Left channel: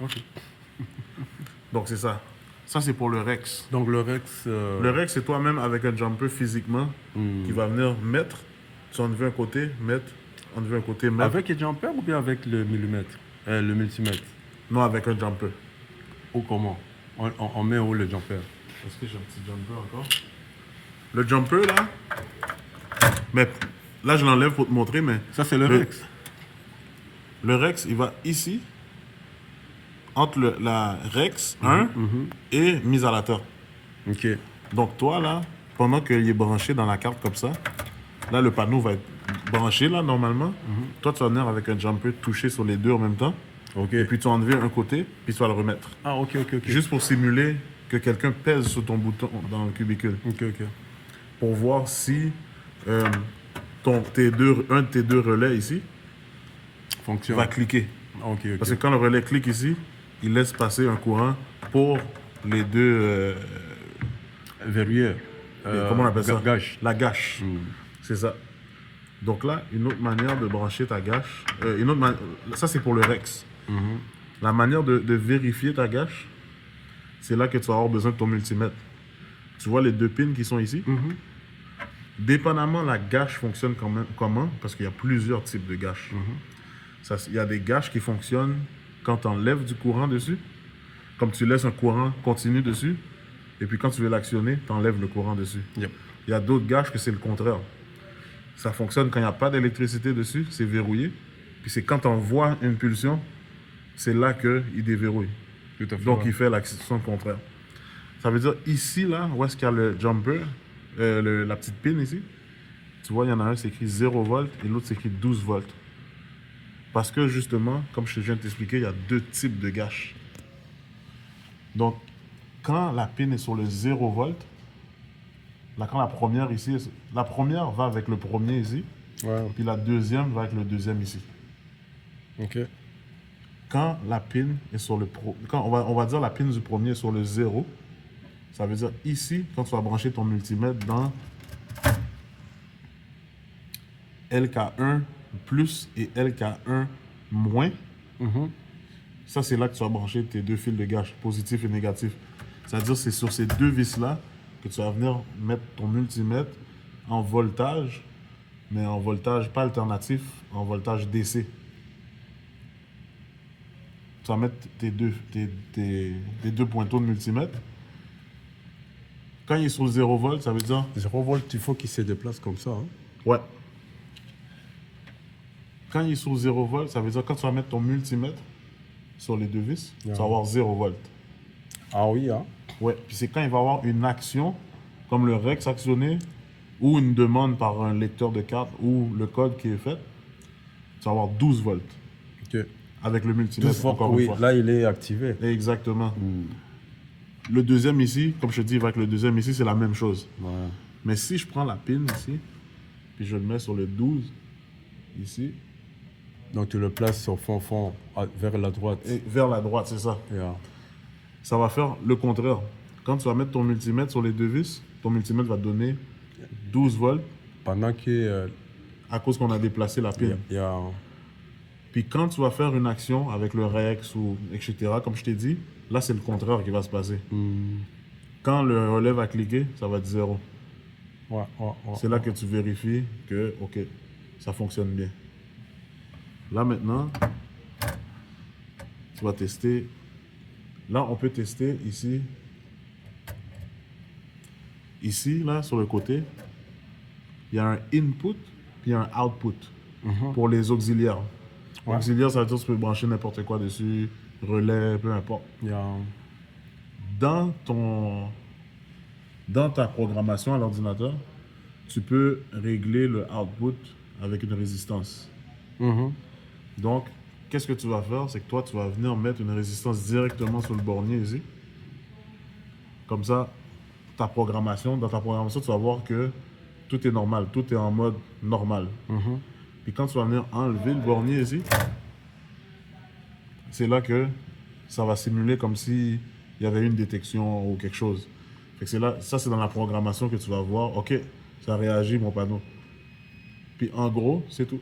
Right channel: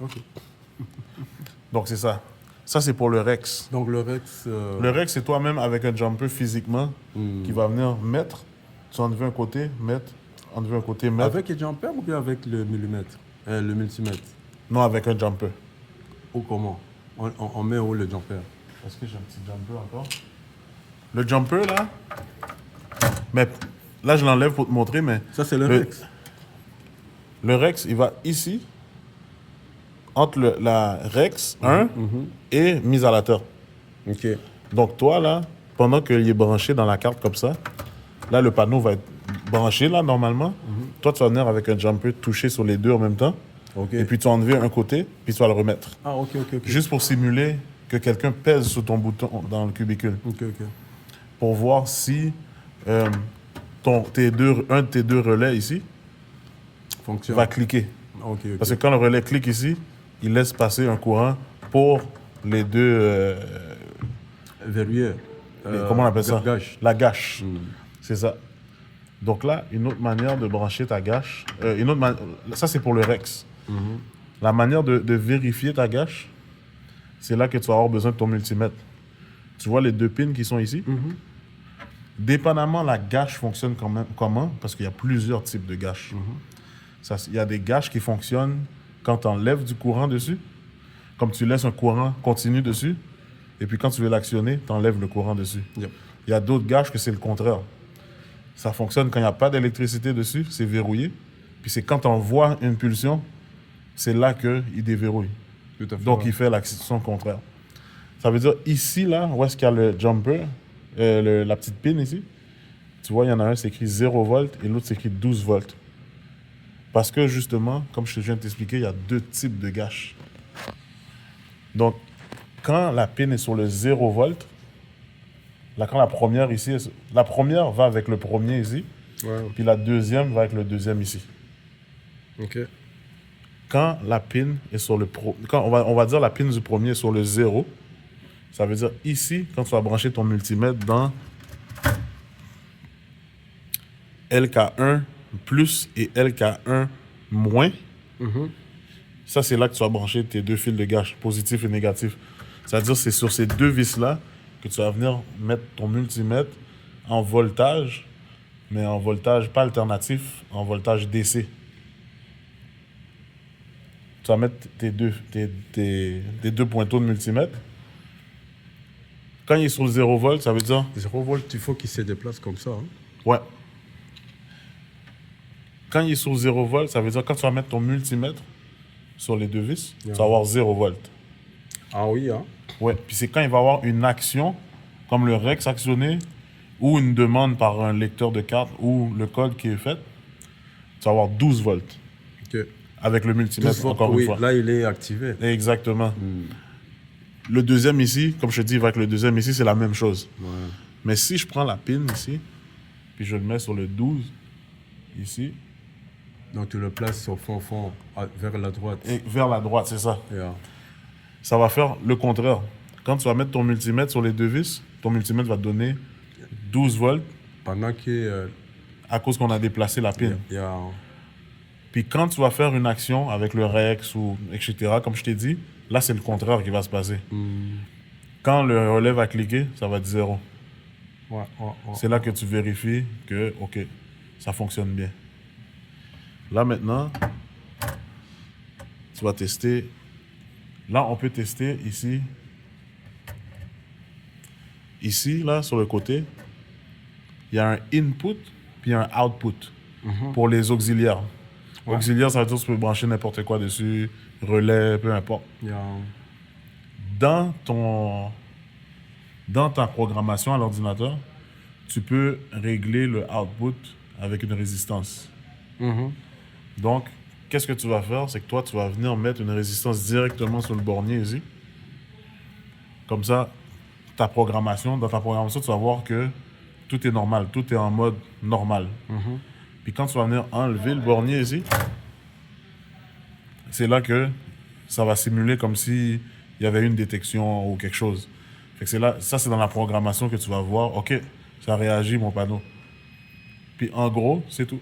Ok. Donc, c'est ça. Ça, c'est pour le Rex. Donc le Rex... Le Rex, c'est toi-même avec un jumper physiquement qui va venir mettre. Tu enlever un côté, mettre. Enlever un côté, mettre. Avec un jumper ou bien avec le millimètre le multimètre? Non, avec un jumper. Ou comment on met où le jumper? Est-ce que j'ai un petit jumper encore? Le jumper, là. Mais là, je l'enlève pour te montrer, mais. Ça, c'est le Rex. Le Rex, il va ici, entre la Rex 1 et mise à la terre. Ok. Donc, toi, là, pendant qu'il est branché dans la carte comme ça, là, le panneau va être branché, là, normalement. Toi, tu vas venir avec un jumper toucher sur les deux en même temps. Ok. Et puis, tu vas enlever un côté, puis tu vas le remettre. Ah, ok. Juste pour simuler que quelqu'un pèse sur ton bouton dans le cubicule. Ok. Pour voir si un de tes deux relais ici Fonctionne. va cliquer. Ok. Parce que quand le relais clique ici, il laisse passer un courant pour les deux... Verrouillé. comment on appelle ça? Gâche. La gâche. C'est ça. Donc là, une autre manière de brancher ta gâche... ça, c'est pour le Rex. La manière de vérifier ta gâche, c'est là que tu vas avoir besoin de ton multimètre. Tu vois les deux pins qui sont ici? Dépendamment, la gâche fonctionne comment? Parce qu'il y a plusieurs types de gâches. Il y a des gâches qui fonctionnent quand tu enlèves du courant dessus, comme tu laisses un courant continu dessus, et puis quand tu veux l'actionner, tu enlèves le courant dessus. Yep. Il y a d'autres gâches que c'est le contraire. Ça fonctionne quand il n'y a pas d'électricité dessus, c'est verrouillé. Puis c'est quand on envoie une pulsion, c'est là qu'il déverrouille. Tout à fait. Donc il fait l'action contraire. Ça veut dire ici, là, où est-ce qu'il y a le jumper, la petite pin ici, tu vois, il y en a un, c'est écrit 0 volts et l'autre, c'est écrit 12 volts. Parce que justement, comme je viens de t'expliquer, il y a deux types de gâches. Donc, quand la pin est sur le 0 volt, là, quand la première ici, la première va avec le premier ici, puis la deuxième va avec le deuxième ici. Ok. Quand la pin est sur le quand on va dire la pin du premier est sur le 0, ça veut dire ici, quand tu vas brancher ton multimètre dans LK1 plus et LK1 moins, ça c'est là que tu vas brancher tes deux fils de gâche, positif et négatif. C'est-à-dire que c'est sur ces deux vis-là que tu vas venir mettre ton multimètre en voltage, mais en voltage pas alternatif, en voltage DC. Tu vas mettre tes deux pointons de multimètre. Quand il est sur le 0 volt, ça veut dire... 0 volt, il faut qu'il se déplace comme ça. Ouais. Quand il est sur 0 volt, ça veut dire quand tu vas mettre ton multimètre sur les deux vis, tu vas avoir 0 volt. Ah oui, Ouais. Puis c'est quand il va avoir une action, comme le Rex actionné, ou une demande par un lecteur de carte, ou le code qui est fait, tu vas avoir 12 volts. Ok. Avec le multimètre, encore oui, une fois. là, il est activé. Exactement. Le deuxième ici, comme je te dis, avec le deuxième ici, c'est la même chose. Ouais. Mais si je prends la pin ici, puis je le mets sur le 12, ici. Donc tu le places au fond, vers la droite. Et vers la droite, c'est ça. Yeah. Ça va faire le contraire. Quand tu vas mettre ton multimètre sur les deux vis, ton multimètre va donner 12 volts. Pendant qu'il à cause qu'on a déplacé la pin. Yeah. Puis quand tu vas faire une action avec le Rex ou etc., comme je t'ai dit, là, c'est le contraire qui va se passer. Quand le relais va cliquer, ça va être 0. Ouais, c'est là que tu vérifies que, OK, ça fonctionne bien. Là, maintenant, tu vas tester. Là, on peut tester ici. Ici, là, sur le côté, il y a un input puis un output pour les auxiliaires. Ouais. Auxiliaire, ça veut dire que tu peux brancher n'importe quoi dessus, relais, peu importe. Yeah. Dans ta programmation à l'ordinateur, tu peux régler le output avec une résistance. Donc, qu'est-ce que tu vas faire? C'est que toi, tu vas venir mettre une résistance directement sur le bornier ici. Comme ça, dans ta programmation, tu vas voir que tout est normal, tout est en mode normal. Puis quand tu vas venir enlever le bornier ici, c'est là que ça va simuler comme s'il y avait une détection ou quelque chose. Fait que c'est là, ça c'est dans la programmation que tu vas voir, OK, ça réagit mon panneau. Puis en gros, c'est tout.